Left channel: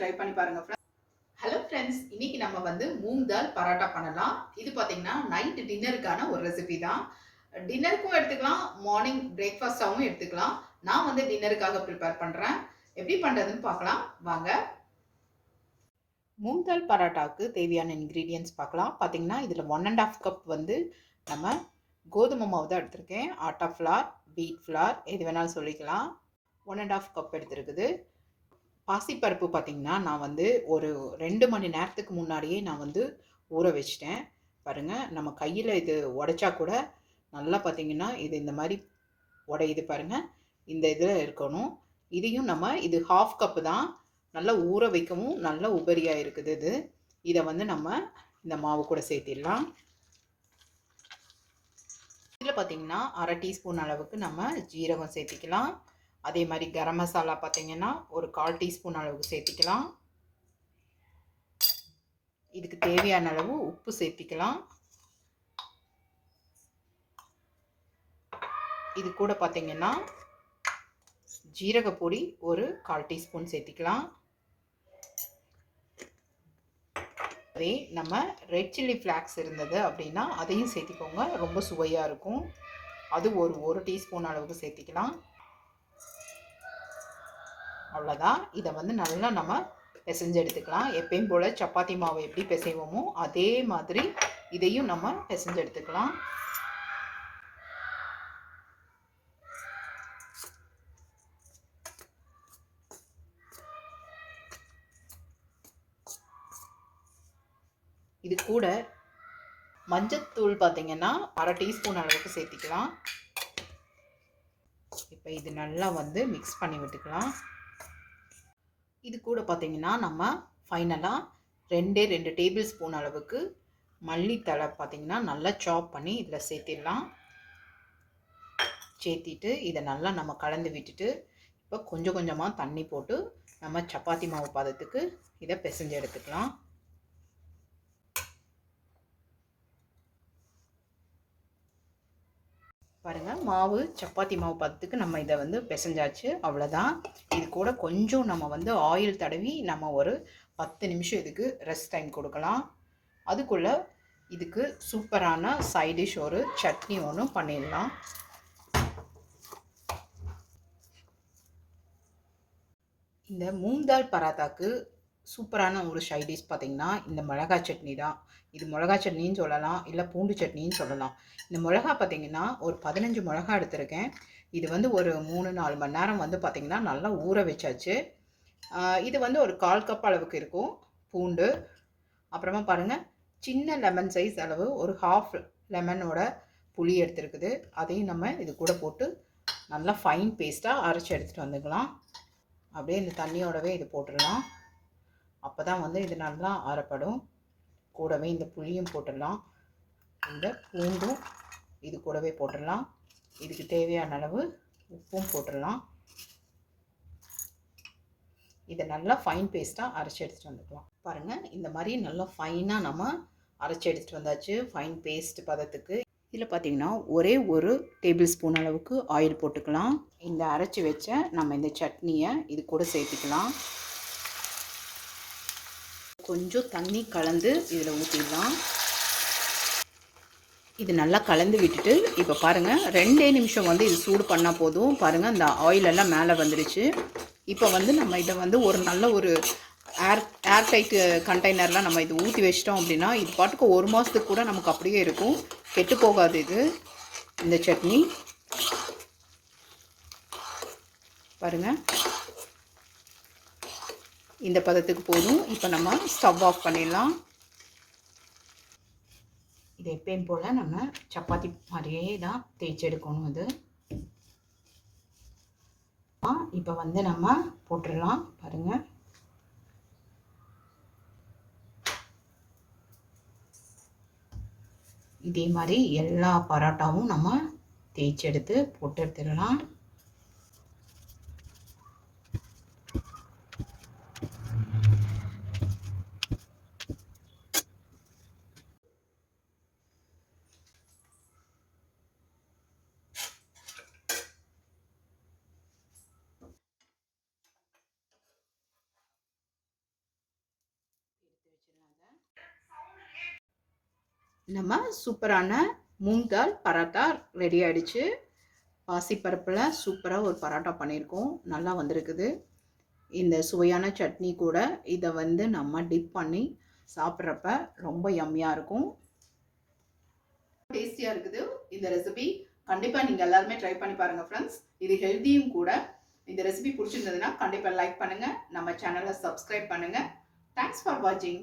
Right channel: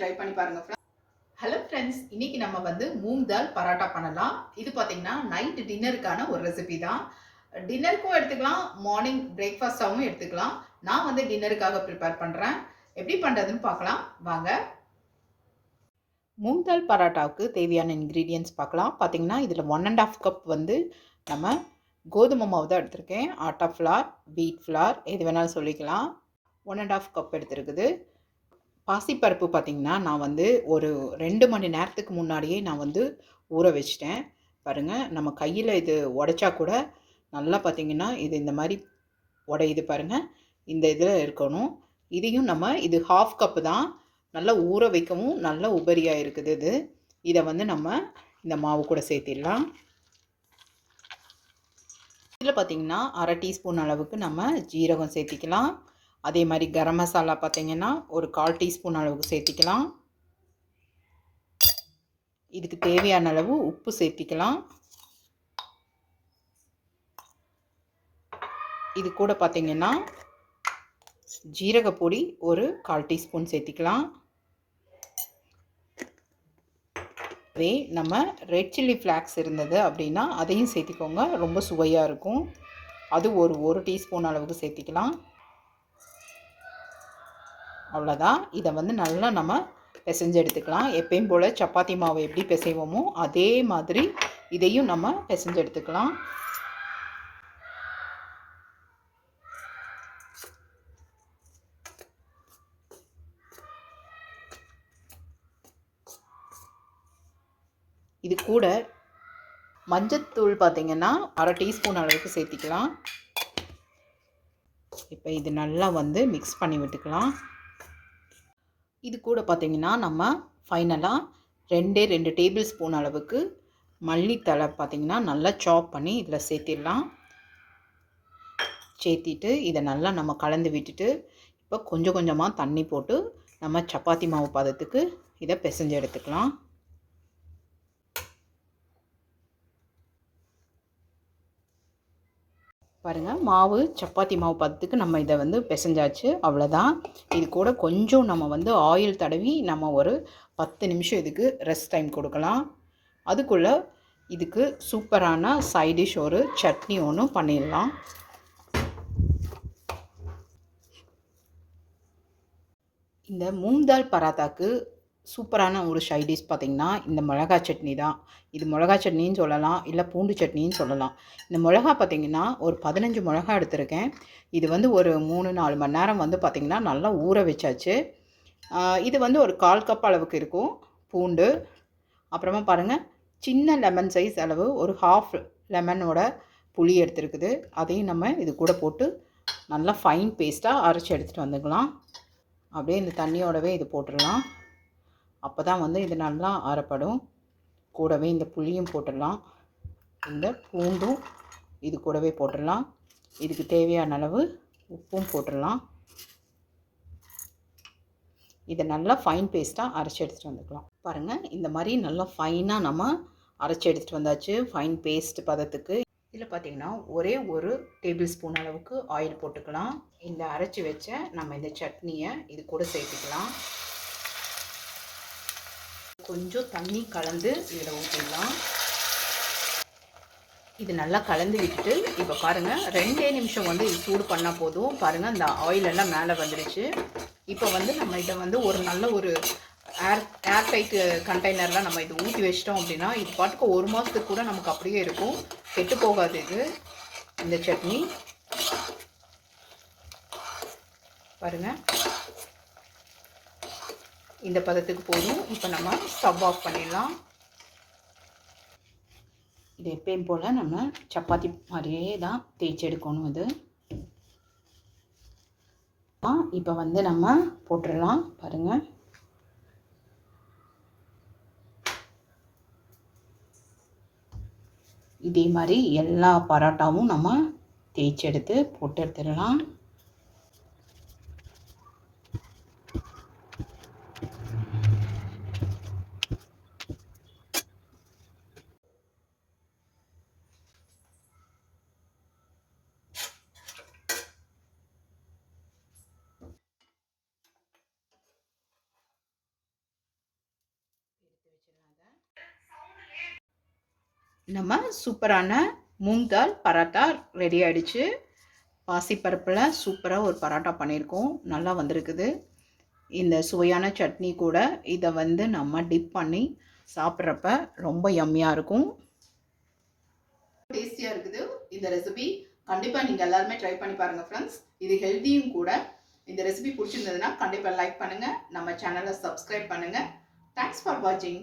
Try பண்ணி பாருங்க. Hello friends, இன்னைக்கு நம்ம வந்து மூங் தால் பராட்டா பண்ணலாம். இது பார்த்தீங்கன்னா நைட் டின்னருக்கான ஒரு ரெசிபி தான். டின்னருக்கும் எடுத்துக்கலாம், மார்னிங் பிரேக்ஃபாஸ்டாகவும் எடுத்துக்கலாம். நான் வந்து டின்னருக்காக ப்ரிப்பேர் பண்ணுறேன். எப்படி பண்ணுறதுன்னு பார்க்கலாம் வாங்க. மூங் தால் பராட்டாவுக்கு தேவையான இன்க்ரீடியன்ட்ஸ் பார்க்கலாம். பார்த்தீங்கன்னா இதில் 1½ கப் வந்து நம்ம கோதுமை மாவு தான் எடுத்திருக்கேன். ஆட்டா ஃப்ளார், வீட் ஃப்ளார் எது வேணாலும் சொல்லிக்கலாம். 1½ கப் எடுத்துருக்குது. பாசிப்பருப்பு பார்த்திங்கன்னா நான் வந்து ஒரு 2 மணி நேரத்துக்கு முன்னாடியே நான் வந்து ஊற வச்சிட்டேன். பாருங்கள், நம்ம கையில் இது உடைச்சா கூட நல்லா பார்த்திங்கன்னா இது இந்த மாதிரி உடையுது பாருங்கள். இந்த இதில் இருக்கணும். இதையும் நம்ம இது 1/2 கப்பு தான். நல்லா ஊற வைக்கவும் நல்லா உபரியாக இருக்குது இது. இதை வந்து நம்ம இந்த மாவு கூட சேர்த்திடலாம். இதில் பார்த்திங்கன்னா 1/2 டீஸ்பூன் அளவுக்கு நம்ம ஜீரகம் சேர்த்திக்கலாம். அதே மாதிரி கரம் மசாலா பார்த்திங்கன்னா ஒரு 1/4 டீஸ்பூன் அளவுக்கு சேர்த்திக்கலாம். இதுக்கு தேவையான அளவு உப்பு சேர்த்திக்கலாம். இது கூட பார்த்திங்கன்னா ஜீரகப்பொடி ஒரு 1/4 டீஸ்பூன் சேர்த்திக்கலாம். அதே நம்ம ரெட் சில்லி ஃப்ளாக்ஸ் இருந்தது அப்படின்னா அதையும் சேர்த்திக்கோங்க, ரொம்ப சுவையாக இருக்கும். அது ஒரு டீஸ்பூன் அளவுக்கு சேர்த்திக்கலாம். அவ்வளோதான். இதை வந்து நல்லா நம்ம பிசைஞ்சு எடுத்துக்கலாம். எப்பயும் போல் சப்பாத்தி மாவு எப்படி பிசைவோமோ அதே மாதிரி இதையும் நம்ம பிசைஞ்சு எடுத்துக்கலாம். இது கூட மஞ்சத்தூள் பார்த்திங்கன்னா 1/2 டீஸ்பூன் அளவுக்கு சேர்த்திக்கலாம். இப்போ இது நல்லா வந்து மிக்ஸ் பண்ணி விட்டுக்கலாம். இது கூட பார்த்திங்கன்னா நம்ம ஃபைனலாக 2 டேபிள் ஸ்பூன் அளவுக்கு மல்லித்தழை பார்த்திங்கன்னா நல்லா சாப் பண்ணி இதில் சேர்த்திடலாம். சேர்த்திட்டு இதை நல்லா நம்ம கலந்து விட்டுட்டு இப்போ கொஞ்சம் கொஞ்சமாக தண்ணி போட்டு நம்ம சப்பாத்தி மாவு பதத்துக்கு இதை பிசைஞ்சு எடுத்துக்கலாம். பாருங்கள், மாவு சப்பாத்தி மாவு பதத்துக்கு நம்ம இதை வந்து பிசைஞ்சாச்சு. அவ்வளோதான். இது கூட கொஞ்சம் நம்ம வந்து ஆயில் தடவி நம்ம ஒரு 10 நிமிஷம் இதுக்கு ரெஸ்ட் டைம் கொடுக்கலாம். அதுக்குள்ளே இதுக்கு சூப்பரான சைட் டிஷ் ஒரு சட்னி ஒன்று பண்ணிடலாம். இந்த மூங் தால் பராத்தாக்கு சூப்பரான ஒரு சைட் டிஷ் பார்த்திங்கன்னா இந்த மிளகா சட்னி தான். இது மிளகா சட்னின்னு சொல்லலாம், இல்லை பூண்டு சட்னின்னு சொல்லலாம். இந்த மிளகா பார்த்திங்கன்னா ஒரு 15 மிளகா எடுத்திருக்கேன். இது வந்து ஒரு 3-4 மணி நேரம் வந்து பார்த்திங்கன்னா நல்லா ஊற வச்சாச்சு. இது வந்து ஒரு 1/4 கப் அளவுக்கு இருக்கும் பூண்டு. அப்புறமா பாருங்கள், சின்ன லெமன் சைஸ் அளவு ஒரு 1/2 லெமனோட புளி எடுத்துருக்குது. அதையும் நம்ம இது கூட போட்டு நல்லா ஃபைன் பேஸ்ட்டாக அரைச்சி எடுத்துகிட்டு வந்துக்கலாம். அப்படியே இந்த தண்ணியோடவே இது போட்டுடலாம். அப்போ தான் வந்து இது நல்லா அரைப்படும். கூடவே இந்த புளியும் போட்டுடலாம், இந்த பூண்டும் இது கூடவே போட்டுடலாம். இதுக்கு தேவையான அளவு உப்பும் போட்டுடலாம். இதை நல்லா ஃபைன் பேஸ்ட்டாக அரைச்சி எடுத்துகிட்டு வந்துக்கலாம். பாருங்கள், இந்த மாதிரி நல்லா ஃபைனாக நம்ம அரைச்சி எடுத்துகிட்டு வந்தாச்சு ஃபைன் பேஸ்ட் பதத்துக்கு. இதில் பார்த்திங்கன்னா ஒரே ஒரு டேபிள் ஸ்பூன் அளவுக்கு ஆயில் போட்டுக்கலாம். இந்த அரைச்சி வச்ச நம்ம இந்த சட்னியை இது கூட சேர்த்துக்கலாம். கொஞ்சம் தண்ணி கலந்து இதில் ஊற்றிடலாம். இது நல்லா கலந்து விட்டுட்டு இப்போ பாருங்கள் 2 நிமிஷம் வந்து இது சூடு பண்ணால் போதும். பாருங்கள், இந்த ஆயிலெல்லாம் மேலே வந்துடுச்சு. இப்போ வந்து நம்ம இதை வந்து ஒரு நல்ல ஒரு ஏர்டைட் கண்டெய்னரில் நம்ம இது ஊற்றி வச்சிட்டோம் அப்படின்னா இது பாட்டுக்கு 1 மாதத்துக்கு கூட நமக்கு அப்படியே இருக்கும், கெட்டு போகாது இது இந்த சட்னி. பாருங்கள், இந்த பதத்துக்கு போதும். இப்போ நம்ம ஸ்டவ் ஆஃப் பண்ணிடலாம். இது எப்பயும் போல் நம்ம சப்பாத்தி மாதிரியே தான் தேய்ச்சி எடுக்கணும். இது இப்போ வந்து நம்ம போட்டுடலாம். பாருங்கள், இதே மாதிரி எல்லா பரோட்டாவும் நம்ம தேய்ச்சி எடுத்து போட்டு எடுத்துடலாம். நம்ம சூப்பரான மூங் தால் பராட்டா ரெடி ஆகிடுச்சு. பாசிப்பருப்பில் சூப்பராக ஒரு பராட்டா பண்ணியிருக்கோம். நல்லா வந்திருக்குது. இந்த சுவையான சட்னி கூட இதை வந்து நம்ம டிப் பண்ணி சாப்பிட்றப்ப ரொம்ப யம்மியாக இருக்கும். டேஸ்டியாக இருக்குது இந்த ரெசிபி. கண்டிப்பாக நீங்கள் எல்லாருமே ட்ரை பண்ணி பாருங்கள் ஃப்ரெண்ட்ஸ். இது ஹெல்த்தியும் கூட. இந்த ரெசிபி பிடிச்சிருந்ததுன்னா கண்டிப்பாக லைக் பண்ணுங்கள், நம்ம சேனலை சப்ஸ்கிரைப் பண்ணுங்கள். தேங்க்ஸ் ஃபார் வாட்சிங்.